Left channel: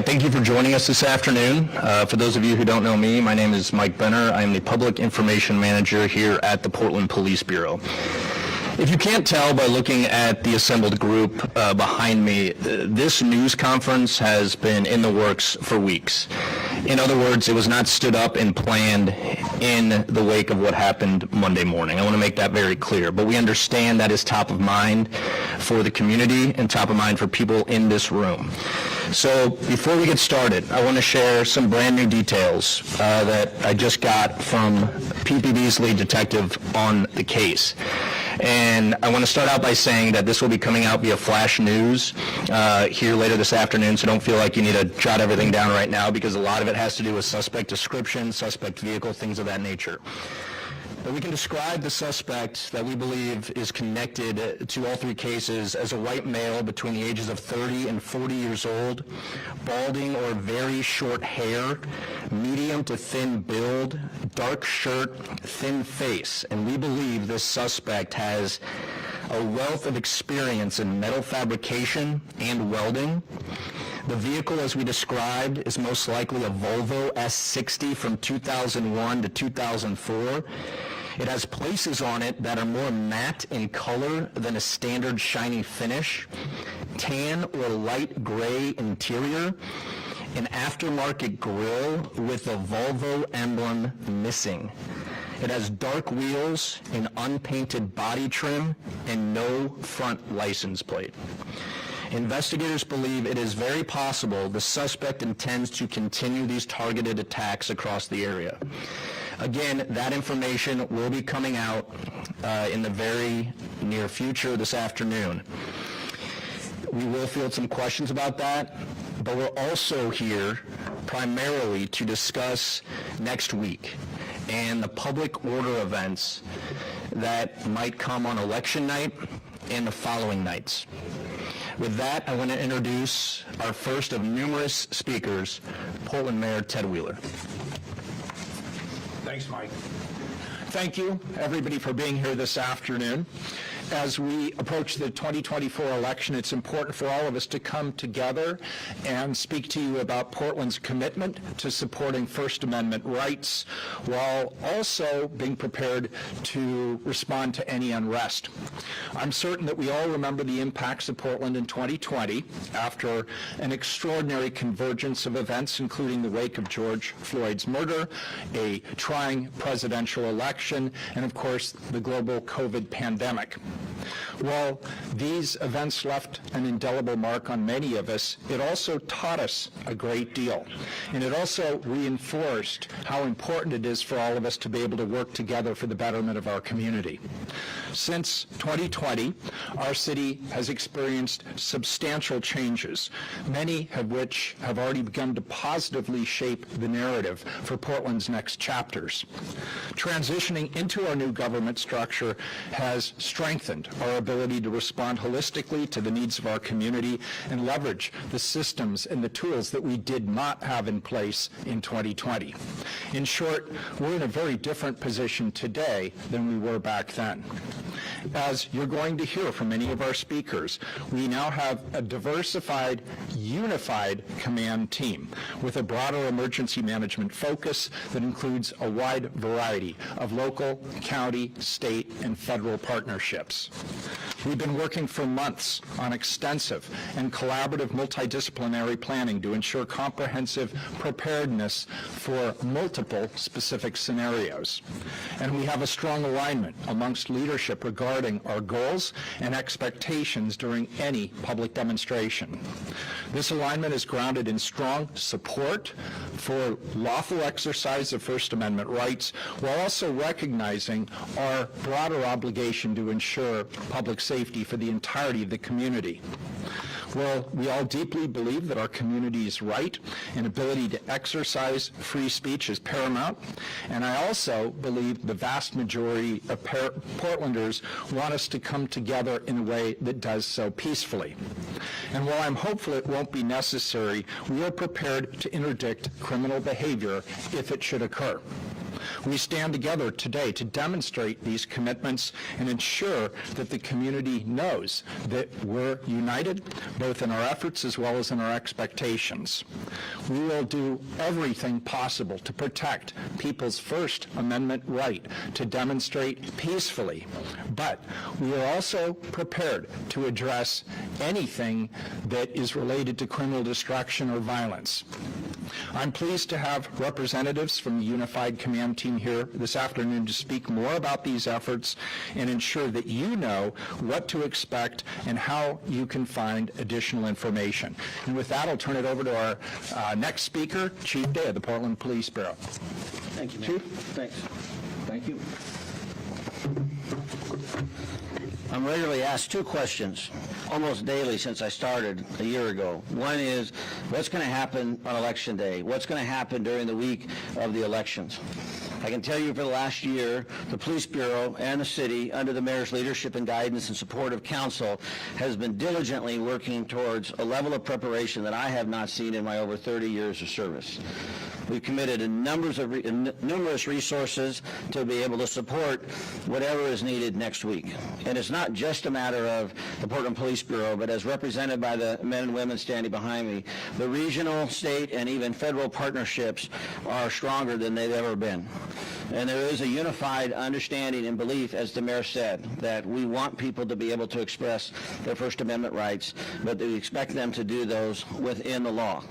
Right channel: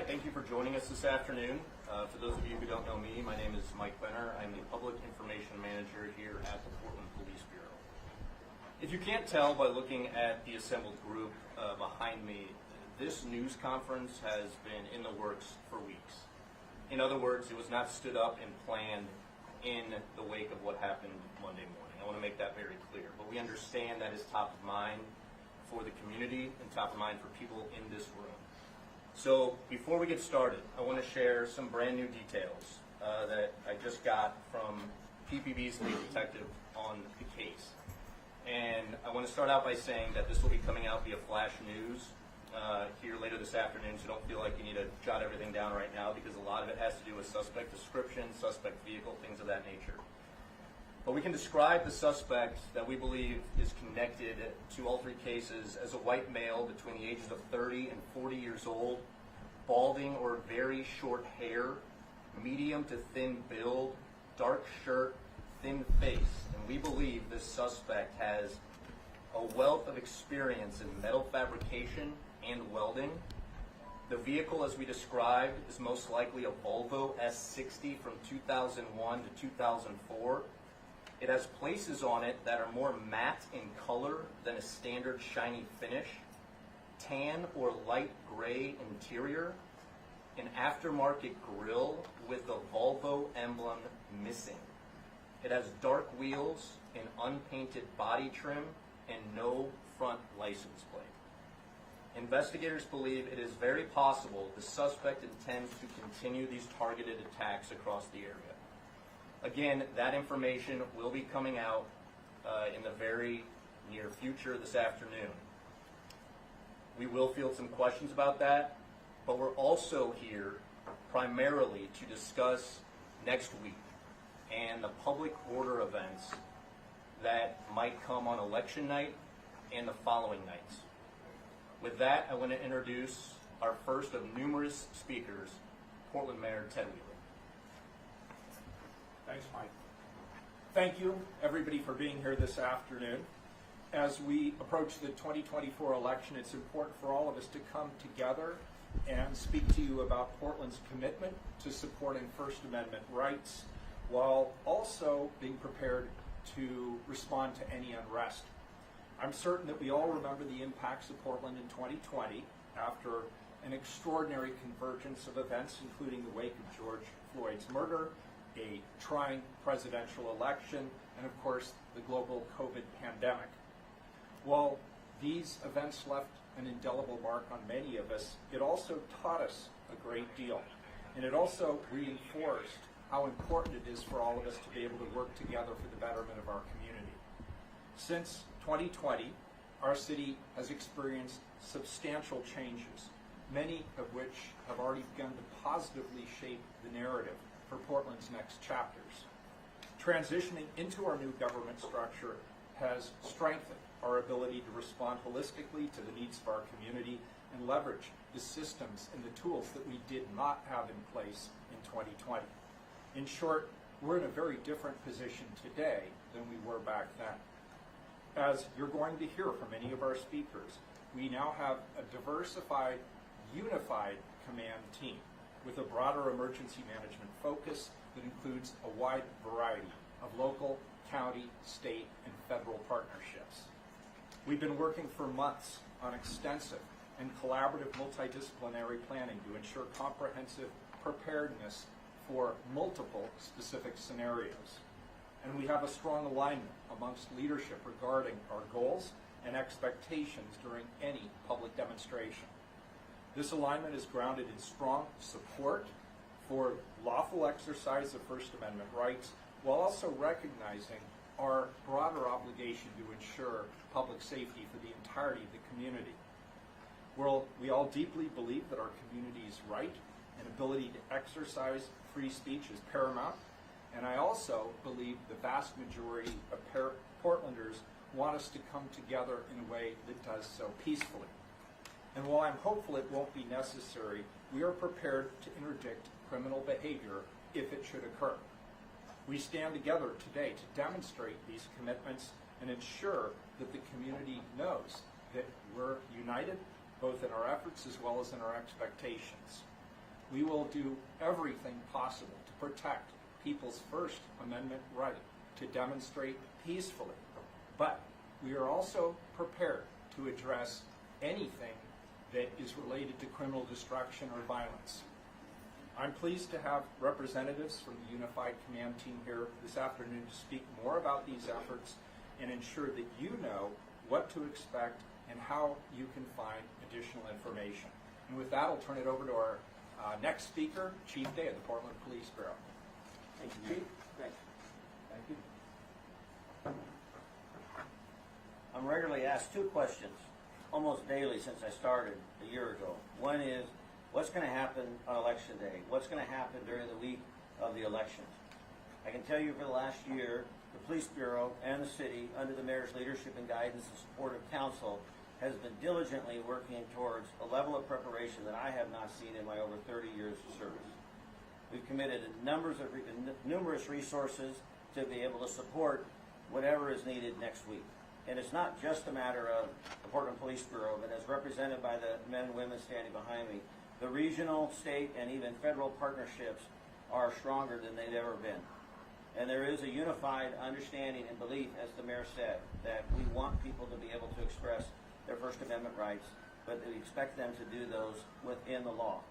right, thank you for joining us this afternoon. For those of you who don't know me, my name is Mike Benner. I am the Public Information Manager here at the Portland Police Bureau. If you can't tell by looking at the assembled group behind me, this news conference has been in the works for weeks. In other words, it was not stood up and planned in the wake of what happened Monday morning. I want to make that very clear, but we understand that is top of mind for the community and top of mind for people in this room. So before we get started, I want to share some brand new details that I just got from PPD's lead detective on the case. And I want to start out by saying that this will be coming out via flash news here later this afternoon, so don't feel like you need to jot everything down right now because a lot of it has to do with suspect description, suspect vehicle, things of that nature. But we can describe the suspect that we believe is connected to all three cases as a white male between the ages of 30 and 40 years old, balding or very short hair, medium to thin build, dark shirt, thin face. And we believe this suspect has a wealth of experience in metal fabrication and welding. The vehicle, as we described, is most likely a Volvo S60 from 2001 to 2004. It has places on it that are more matte in color than a standard shiny finish, tan or light gray interior, an aftermarket grille with the Volvo emblem missing. It has dark wheels, an unpainted body trim, and no front license plate. Investigators believe it is very possible the suspect intends to continue these targeted attacks across the area. Again, that information will be coming out in the very near future this afternoon. We will field some questions about that, but we're also here primarily to discuss next week and the public order events that might come on election night and the following nights. With that, I want to introduce our first of numerous speakers, Portland Mayor Ted Wheeler. Thanks, Mike. Thank you, everybody, for being here this afternoon. As we approach the 2024 election, it's important for all of us to come together and speak to you about Portland's commitment to supporting First Amendment rights while also being prepared to respond to any unrest. I'm certain that we all remember the impacts of Portland in 2020 after an extraordinary convergence of events, including the wake of George Floyd's murder, a trying presidential election, and of course, the global COVID pandemic. While these events left an indelible mark on many of us, it also taught us a great deal. And it also reinforced how important it is for all of us to be able to work together for the betterment of our community. Since 2020, our city has experienced substantial changes, many of which have already begun to positively shape the narrative for Portland's next chapters. Transitioning into our new government structure has strengthened our ability to respond holistically to the needs of our community and leverage the systems and the tools that we did not have in place in 2020. In short, we're in a very different position today than we were back then. As you're going to hear from many of our speakers, we now have a diversified, unified command team with a broader emergency management focus that includes a wide variety of local, county, state, and federal partnerships. We've been working for months on extensive and collaborative multidisciplinary planning to ensure comprehensive preparedness for multiple specific scenarios. And we have a strong alignment amongst leadership regarding our goals and expectations during any public demonstration. This alignment is grounded in strong support for lawful exercise of First Amendment rights, while also recognizing our broader obligation to ensure public safety for the entirety of the community. Well, we all deeply believe that our community's right and ability to exercise free speech is paramount, and I also believe the vast majority of Portlanders want us to come together in a way that does so peacefully. And while I'm hopeful it won't be necessary, we are prepared to interdict criminal behavior if it should occur. We stand together today to demonstrate these commitments and ensure that the community knows that we're united, both in our efforts as well as in our expectations. We will do everything possible to protect people's First Amendment right to demonstrate peacefully, but we are also prepared to address anything that is related to criminal destruction or violence. I'm pleased to have representatives from the Unified Command Team here this afternoon to speak more about these efforts and ensure that you know what to expect and how you can find additional information. And with that, I'll turn it over to our next speaker, Chief Day of the Portland Police Bureau. Thank you, Chief. Thanks. Thank you. I'm regularly asked two questions almost daily since I started a year ago. One is, what's going to happen on Election Day? What's going to happen during the week of the elections? I can tell you for the last year, the Police Bureau and the city, under the mayor's leadership and guidance and support of council, has been diligently working towards a level of preparation that I have not seen in my over 30 years of service. We've committed numerous resources to be able to support whatever is needed next week. And it's not just a matter of the Portland Police Bureau, but as represented by the men and women standing behind me, the regional, state, and even federal partnerships are stronger than they've ever been. And there is a unified understanding and belief, as the mayor said, that we want people to be able to express their First Amendment rights, but we expect them to do those within the law.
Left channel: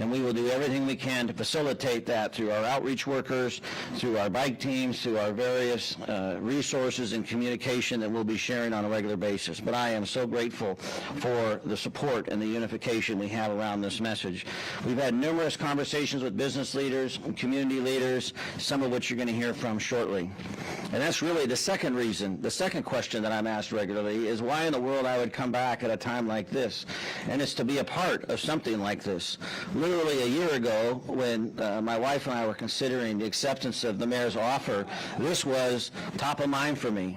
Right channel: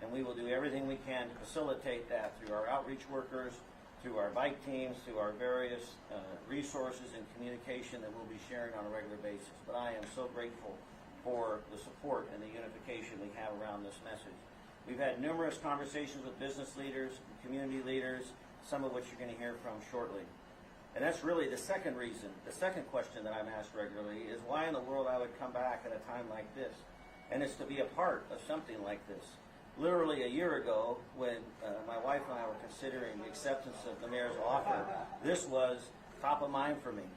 And we will do everything we can to facilitate that through our outreach workers, through our bike teams, through our various resources and communication that we'll be sharing on a regular basis. But I am so grateful for the support and the unification we have around this message. We've had numerous conversations with business leaders and community leaders, some of which you're going to hear from shortly. And that's really the second reason, the second question that I'm asked regularly is why in the world I would come back at a time like this. And it's to be a part of something like this. Literally a year ago, when my wife and I were considering the acceptance of the mayor's offer, this was top of mind for me,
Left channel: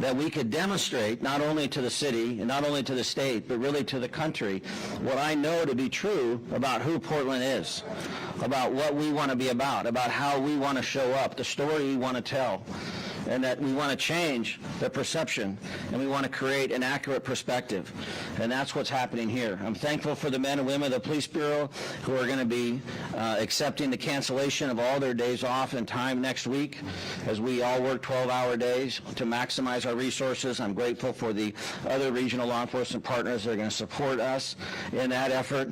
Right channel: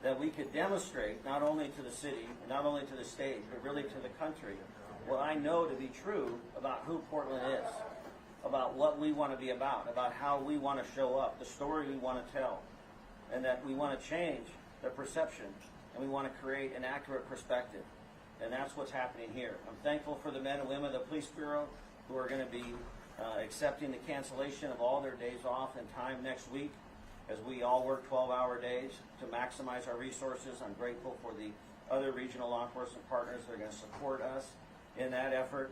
that we could demonstrate not only to the city and not only to the state, but really to the country, what I know to be true about who Portland is, about what we want to be about how we want to show up, the story we want to tell, and that we want to change the perception, and we want to create an accurate perspective. And that's what's happening here. I'm thankful for the men and women of the Police Bureau who are going to be accepting the cancellation of all their days off and time next week as we all work 12-hour days to maximize our resources. I'm grateful for the other regional law enforcement partners that are going to support us in that effort.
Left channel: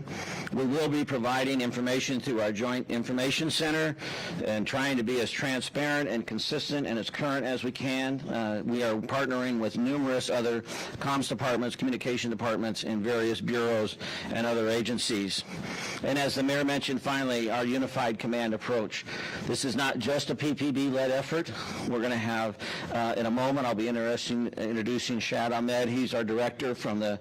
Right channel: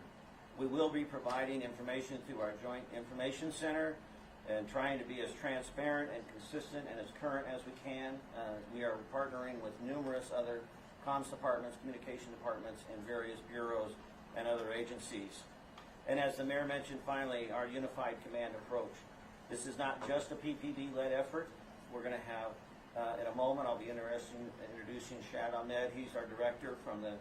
We will be providing information through our Joint Information Center and trying to be as transparent and consistent and as current as we can. We are partnering with numerous other comms departments, communication departments in various bureaus and other agencies. And as the mayor mentioned, finally, our unified command approach. This is not just a PPB-led effort. We're going to have, in a moment, I'll be introducing Shad Ahmed. He's our director from the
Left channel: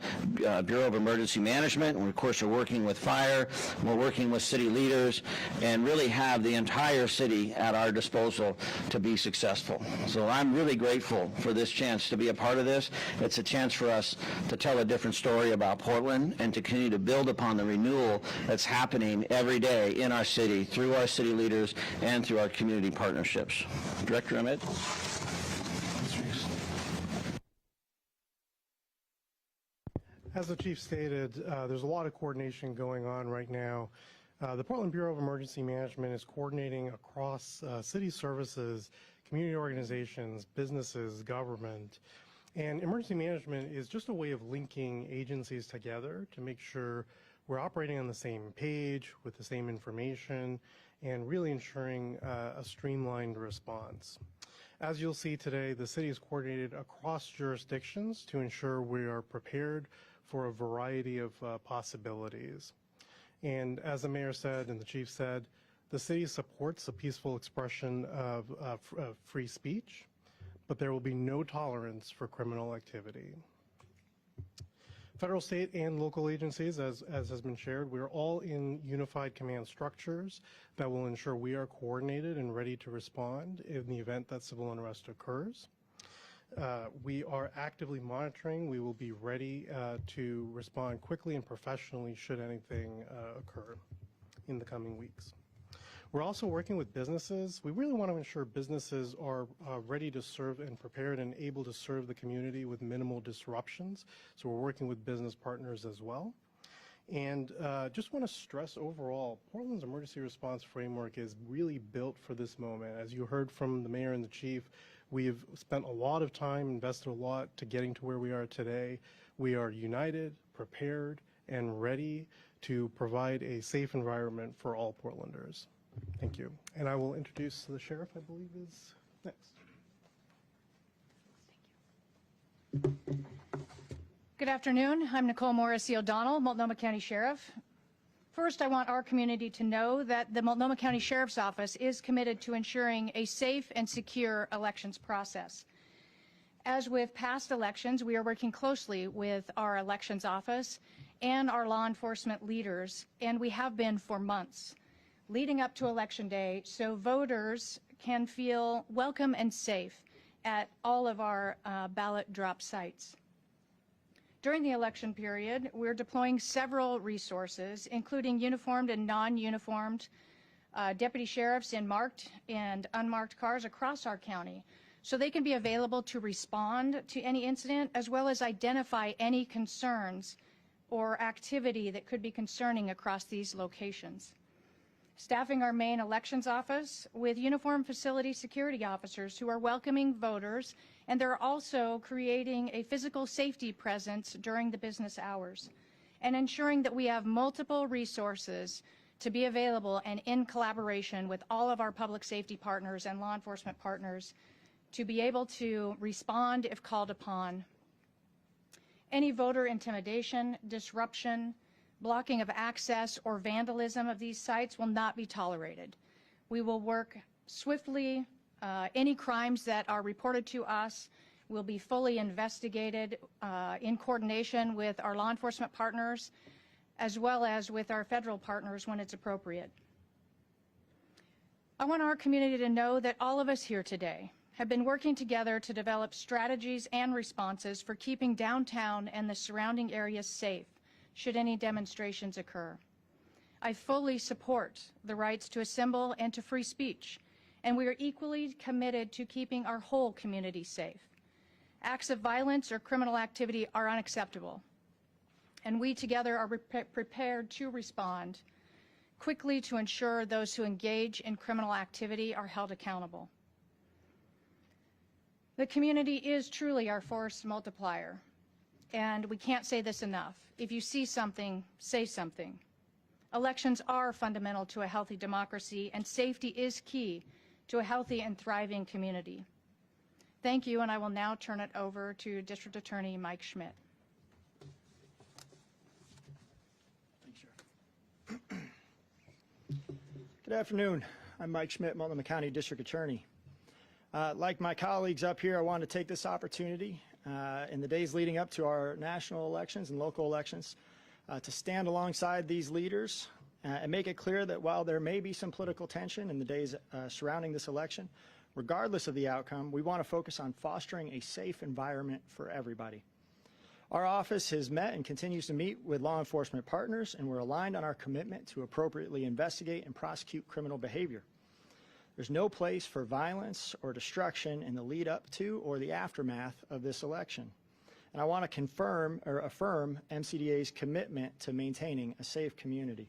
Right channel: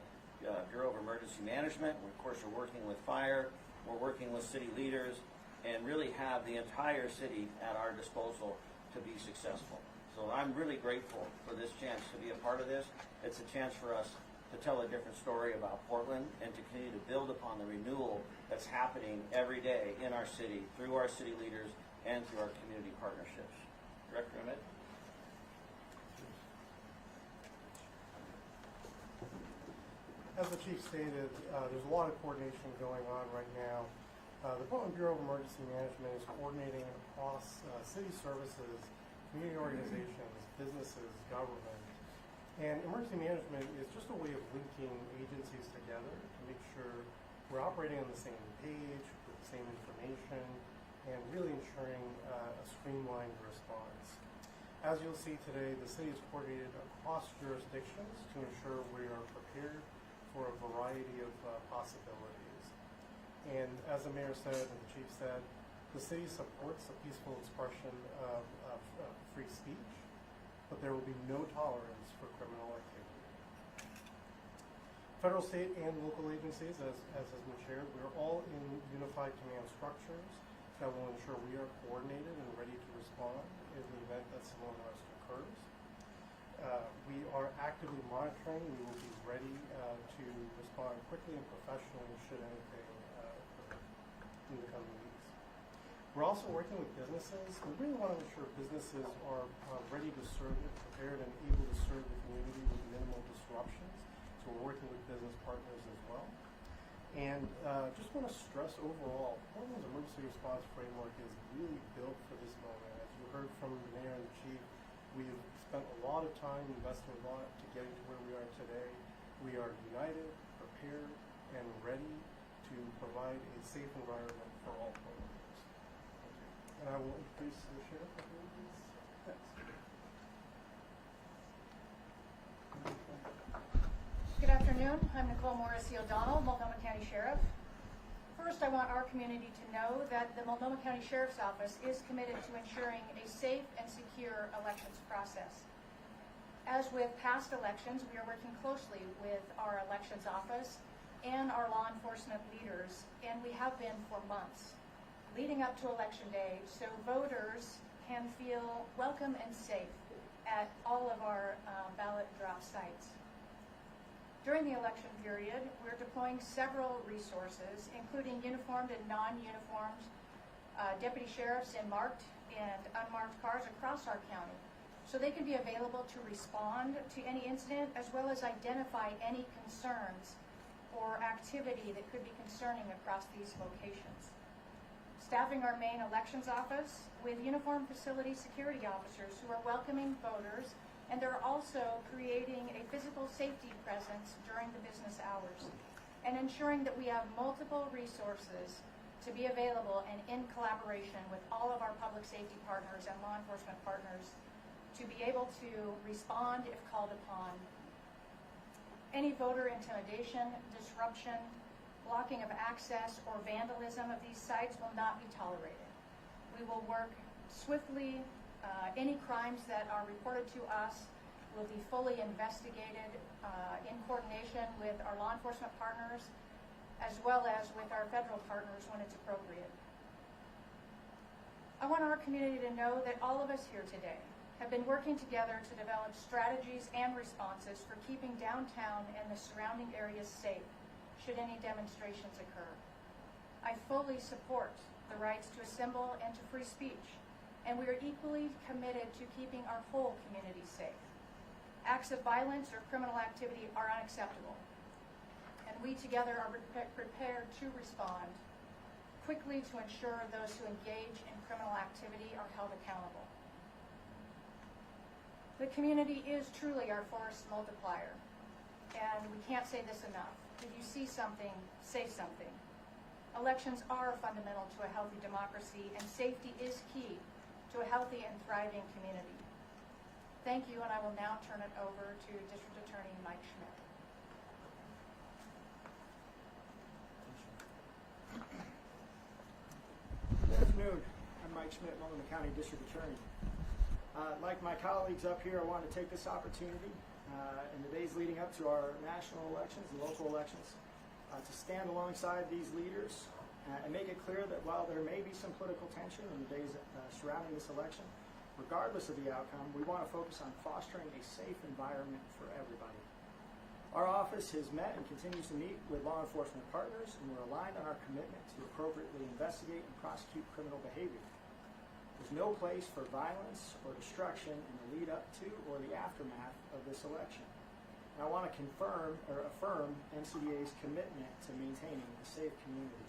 Bureau of Emergency Management. And, of course, we're working with fire. We're working with city leaders and really have the entire city at our disposal to be successful. So I'm really grateful for this chance to be a part of this. It's a chance for us to tell a different story about Portland and to continue to build upon the renewal that's happening every day in our city through our city leaders and through our community partnerships. Director Ahmed. As the chief stated, there's a lot of coordination going on right now. The Portland Bureau of Emergency Management is coordinating across city services, community organizations, businesses, government. And emergency management is just a way of linking agencies together to make sure we're operating on the same page with the same information and really ensuring a streamlined response. As you'll see today, the city is coordinated across jurisdictions to ensure we are prepared for a variety of possibilities. And as the mayor said and the chief said, the city supports the peaceful expression of free speech, but there will be no tolerance for criminal activity. Federal, state, and local agencies, as has been shared, we're all in unified command structures that will ensure we are coordinated and ready to respond in the event that civil unrest occurs. We are actively monitoring. We will be ready to respond quickly and professionally should anything occur in the coming weeks. We're also working with businesses. We really want to ensure businesses are ready to serve and prepared and able to serve the community with minimal disruptions. So we're working with business partners as well. And just want to stress overall, Portland's emergency response framework is really built for this moment. As you heard from the mayor and the chief, we have spent a lot of time, invested a lot to getting to where we are today. We are united, prepared, and ready to provide a safe environment for all Portlanders. Thank you. And I will introduce the sheriff, I believe, is next. Good afternoon. I'm Nicole Morrissey O'Donnell, Multnomah County Sheriff. First, I want our community to know that the Multnomah County Sheriff's Office is committed to ensuring a safe and secure elections process. As with past elections, we are working closely with our elections office and our law enforcement leaders, and we have been for months leading up to Election Day, so voters can feel welcome and safe at all of our ballot drop sites. During the election period, we're deploying several resources, including uniformed and non-uniformed deputy sheriffs in marked and unmarked cars across our county, so they can be available to respond to any incident, as well as identify any concerns or activity that could be concerning across these locations. Staffing our main elections office with uniformed facility security officers who are welcoming voters, and they're also creating a physical safety presence during the business hours and ensuring that we have multiple resources to be available and in collaboration with all of our public safety partners and law enforcement partners to be able to respond if called upon. Any voter intimidation, disruption, blocking of access, or vandalism of these sites will not be tolerated. We will work swiftly. Any crimes that are reported to us will be fully investigated in coordination with our law enforcement partners, as well as with our federal partners when it's appropriate. I want our community to know that all of us here today have been working together to develop strategies and responses for keeping downtown and the surrounding areas safe should any demonstrations occur. I fully support the rights to assemble and to free speech, and we are equally committed to keeping our whole community safe. Acts of violence or criminal activity are unacceptable, and we together are prepared to respond quickly to ensure those who engage in criminal activity are held accountable. The community is truly our force multiplier, and we can't say this enough. If you see something, say something. Elections are fundamental to a healthy democracy, and safety is key to a healthy and thriving community. Thank you, and I will now turn it over to District Attorney Mike Schmidt. Good afternoon. I'm Mike Schmidt, Multnomah County District Attorney. Like my colleagues up here, I want to take this opportunity in the days leading up to our national elections and local elections to stand alongside these leaders and make it clear that while there may be some political tension in the days surrounding this election, regardless of the outcome, we want to focus on fostering a safe environment for everybody. Our office has met and continues to meet with law enforcement partners, and we're aligned on our commitment to appropriately investigate and prosecute criminal behavior. There's no place for violence or destruction in the lead up to or the aftermath of this election. And I want to affirm MCDA's commitment to maintaining a safe community.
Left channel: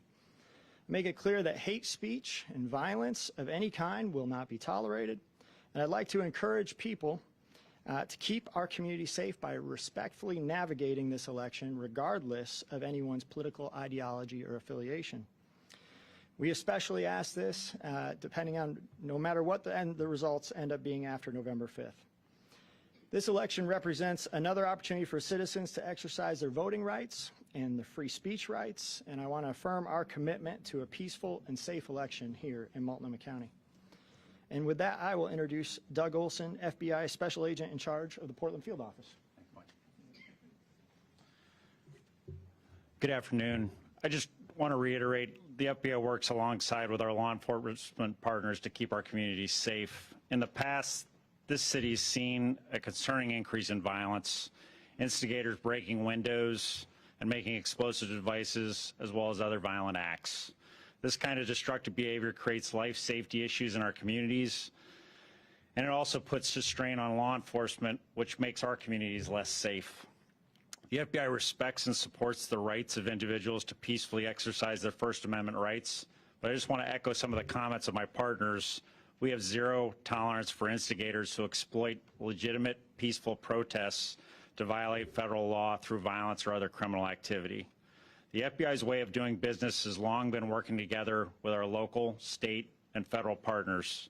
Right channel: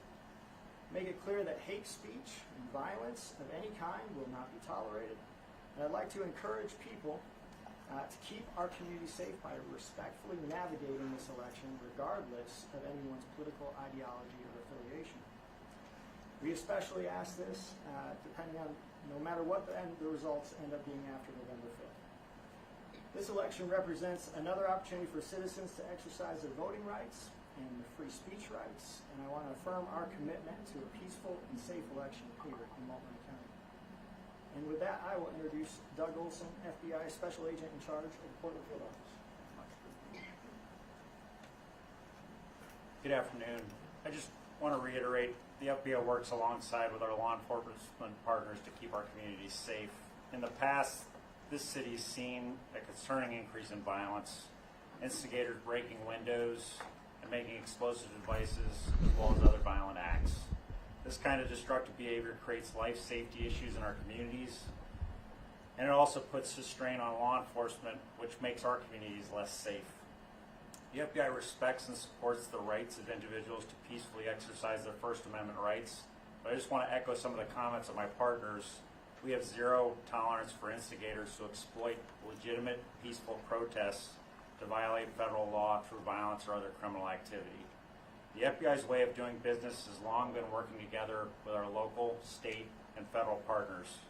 Make it clear that hate speech and violence of any kind will not be tolerated. And I'd like to encourage people to keep our community safe by respectfully navigating this election regardless of anyone's political ideology or affiliation. We especially ask this depending on no matter what the results end up being after November 5th. This election represents another opportunity for citizens to exercise their voting rights and the free speech rights, and I want to affirm our commitment to a peaceful and safe election here in Multnomah County. And with that, I will introduce Doug Olson, FBI Special Agent in charge of the Portland Field Office. Good afternoon. I just want to reiterate the FBO works alongside with our law enforcement partners to keep our communities safe. In the past, this city's seen a concerning increase in violence, instigators breaking windows and making explosive devices, as well as other violent acts. This kind of destructive behavior creates life safety issues in our communities, and it also puts a strain on law enforcement, which makes our communities less safe. The FBI respects and supports the rights of individuals to peacefully exercise their First Amendment rights, but I just want to echo some of the comments of my partners. We have zero tolerance for instigators who exploit legitimate, peaceful protests to violate federal law through violence or other criminal activity. The FBI's way of doing business has long been working together with our local, state, and federal partners.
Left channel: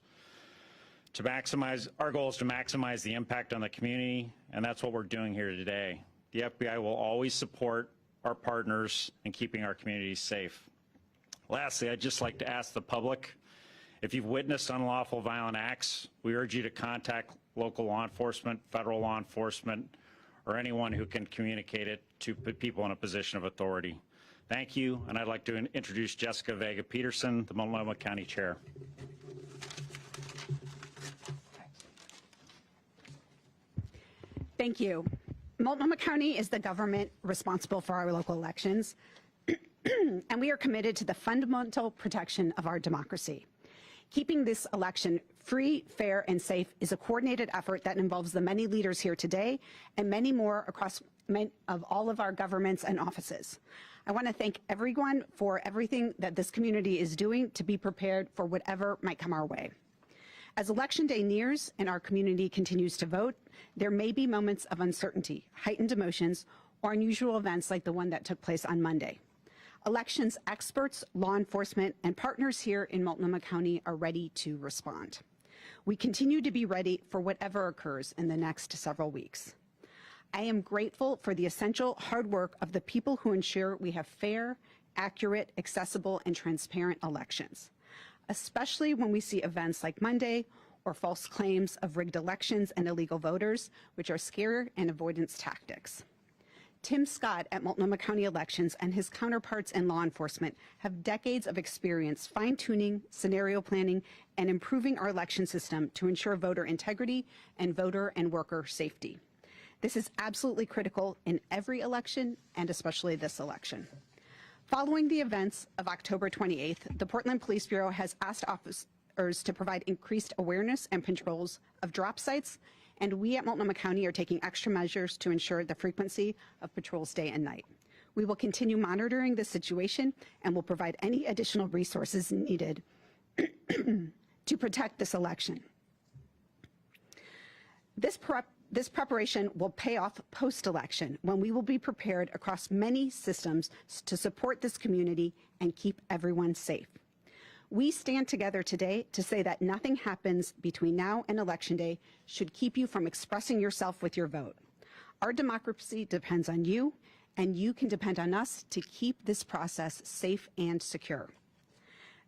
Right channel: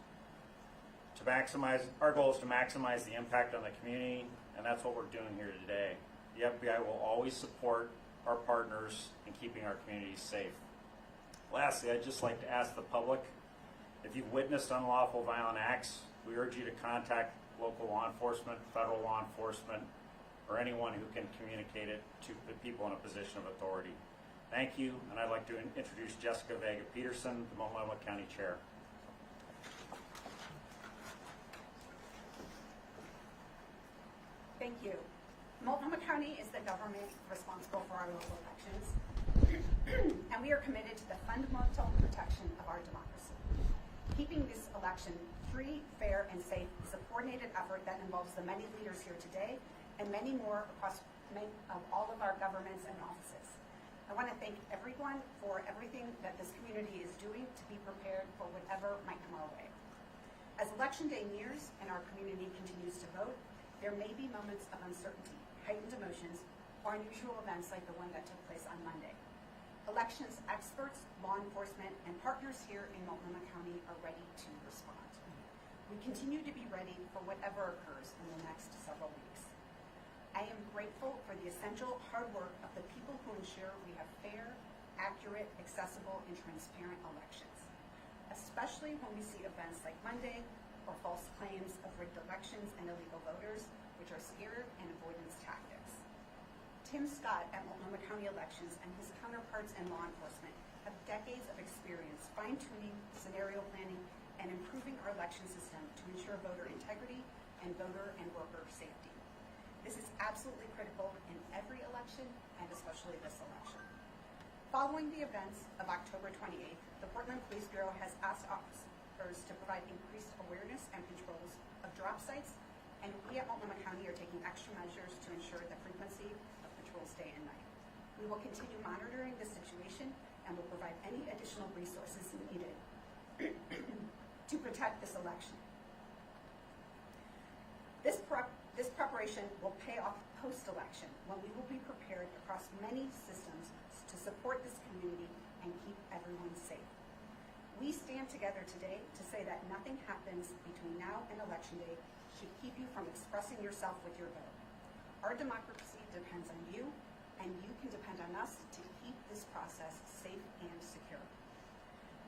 Our goal is to maximize the impact on the community, and that's what we're doing here today. The FBI will always support our partners in keeping our communities safe. Lastly, I'd just like to ask the public, if you've witnessed unlawful violent acts, we urge you to contact local law enforcement, federal law enforcement, or anyone who can communicate it to people in a position of authority. Thank you, and I'd like to introduce Jessica Vega Peterson, the Multnomah County Chair. Thank you. Multnomah County is the government responsible for our local elections, and we are committed to the fundamental protection of our democracy. Keeping this election free, fair, and safe is a coordinated effort that involves the many leaders here today and many more across all of our governments and offices. I want to thank everyone for everything that this community is doing to be prepared for whatever might come our way. As Election Day nears and our community continues to vote, there may be moments of uncertainty, heightened emotions, or unusual events like the one that took place on Monday. Elections experts, law enforcement, and partners here in Multnomah County are ready to respond. We continue to be ready for whatever occurs in the next several weeks. I am grateful for the essential hard work of the people who ensure we have fair, accurate, accessible, and transparent elections, especially when we see events like Monday or false claims of rigged elections and illegal voters, which are scare and avoidance tactics. Tim Scott at Multnomah County Elections and his counterparts in law enforcement have decades of experience fine-tuning, scenario planning, and improving our election system to ensure voter integrity and voter and worker safety. This is absolutely critical in every election, and especially this election. Following the events of October 28th, the Portland Police Bureau has asked officers to provide increased awareness and patrols of drop sites, and we at Multnomah County are taking extra measures to ensure the frequency of patrols day and night. We will continue monitoring this situation and will provide any additional resources needed to protect this election. This preparation will pay off post-election when we will be prepared across many systems to support this community and keep everyone safe. We stand together today to say that nothing happens between now and Election Day should keep you from expressing yourself with your vote. Our democracy depends on you, and you can depend on us to keep this process safe and secure.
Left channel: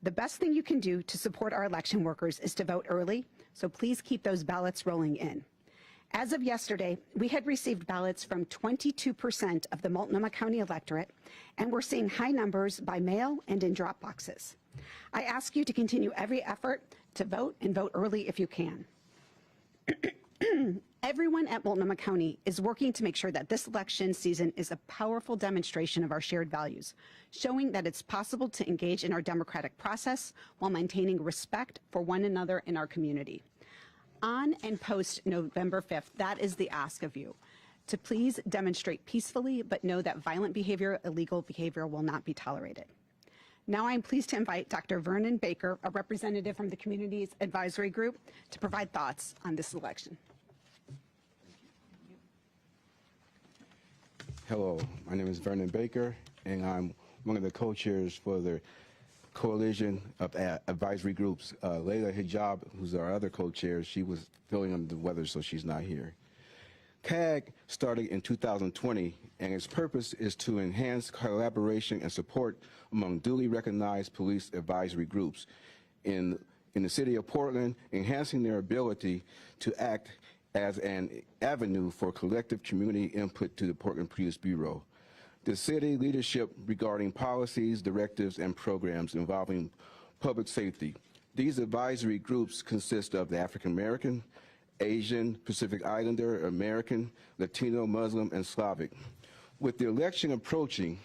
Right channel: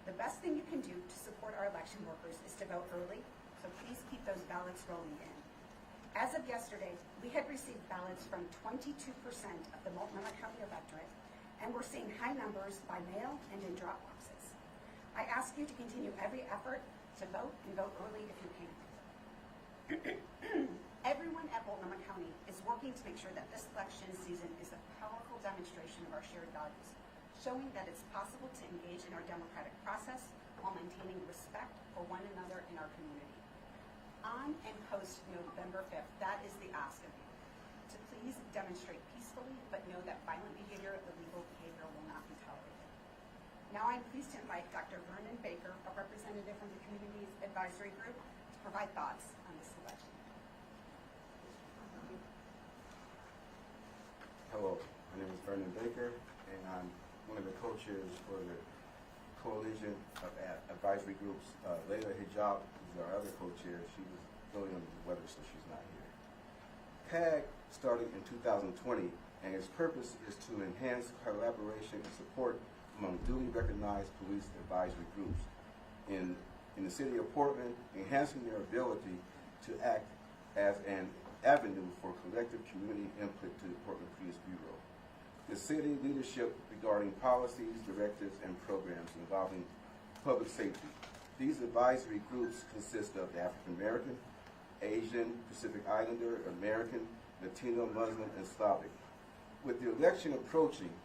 The best thing you can do to support our election workers is to vote early, so please keep those ballots rolling in. As of yesterday, we had received ballots from 22% of the Multnomah County electorate, and we're seeing high numbers by mail and in drop boxes. I ask you to continue every effort to vote and vote early if you can. Everyone at Multnomah County is working to make sure that this election season is a powerful demonstration of our shared values, showing that it's possible to engage in our democratic process while maintaining respect for one another in our community. On and post November 5th, that is the ask of you, to please demonstrate peacefully, but know that violent behavior, illegal behavior will not be tolerated. Now I'm pleased to invite Dr. Vernon Baker, a representative from the Communities Advisory Group, to provide thoughts on this election. Hello, my name is Vernon Baker, and I'm one of the co-chairs for the Coalition of Advisory Groups. Layla Hijab, who's our other co-chair, she was feeling under the weather, so she's not here. CAG started in 2020, and its purpose is to enhance collaboration and support among duly recognized police advisory groups in the city of Portland, enhancing their ability to act as an avenue for collective community input to the Portland Police Bureau. The city leadership regarding policies, directives, and programs involving public safety. These advisory groups consist of the African American, Asian, Pacific Islander, American, Latino, Muslim, and Slavic. With the election approaching,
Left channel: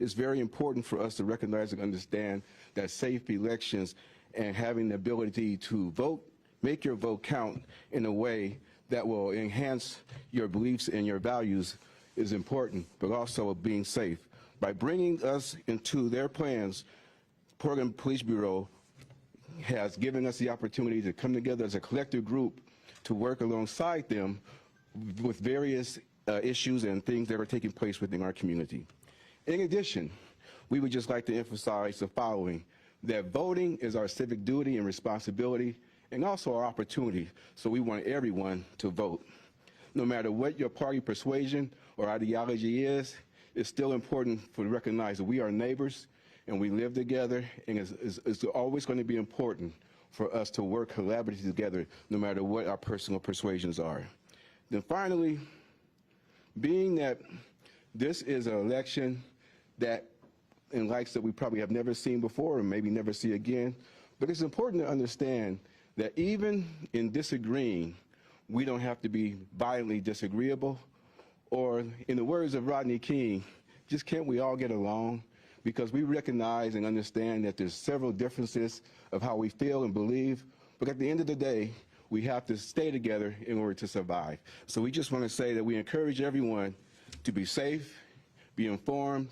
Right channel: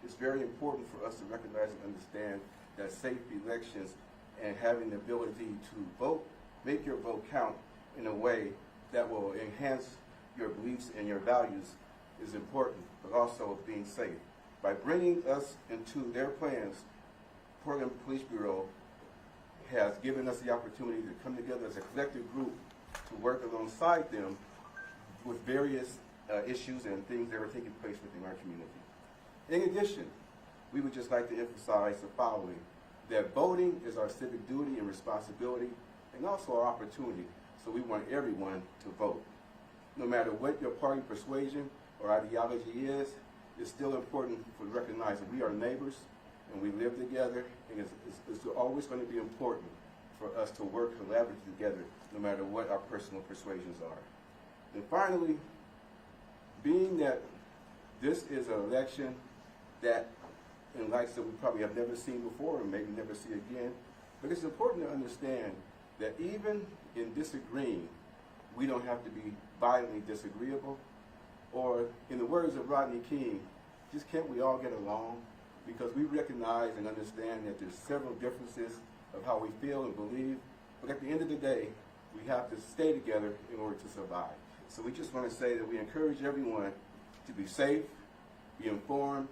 it's very important for us to recognize and understand that safe elections and having the ability to vote, make your vote count in a way that will enhance your beliefs and your values is important, but also being safe. By bringing us into their plans, Portland Police Bureau has given us the opportunity to come together as a collective group to work alongside them with various issues and things that are taking place within our community. In addition, we would just like to emphasize the following, that voting is our civic duty and responsibility and also our opportunity, so we want everyone to vote. No matter what your party persuasion or ideology is, it's still important to recognize that we are neighbors and we live together, and it's always going to be important for us to work collaboratively together no matter what our personal persuasions are. Then finally, being that this is an election that in likes that we probably have never seen before and maybe never see again, but it's important to understand that even in disagreeing, we don't have to be violently disagreeable, or in the words of Rodney King, just can't we all get along? Because we recognize and understand that there's several differences of how we feel and believe, but at the end of the day, we have to stay together in order to survive. So we just want to say that we encourage everyone to be safe, be informed,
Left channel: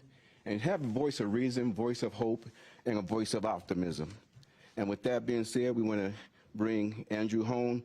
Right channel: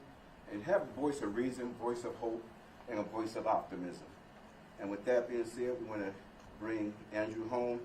and have a voice of reason, voice of hope, and a voice of optimism. And with that being said, we want to bring Andrew home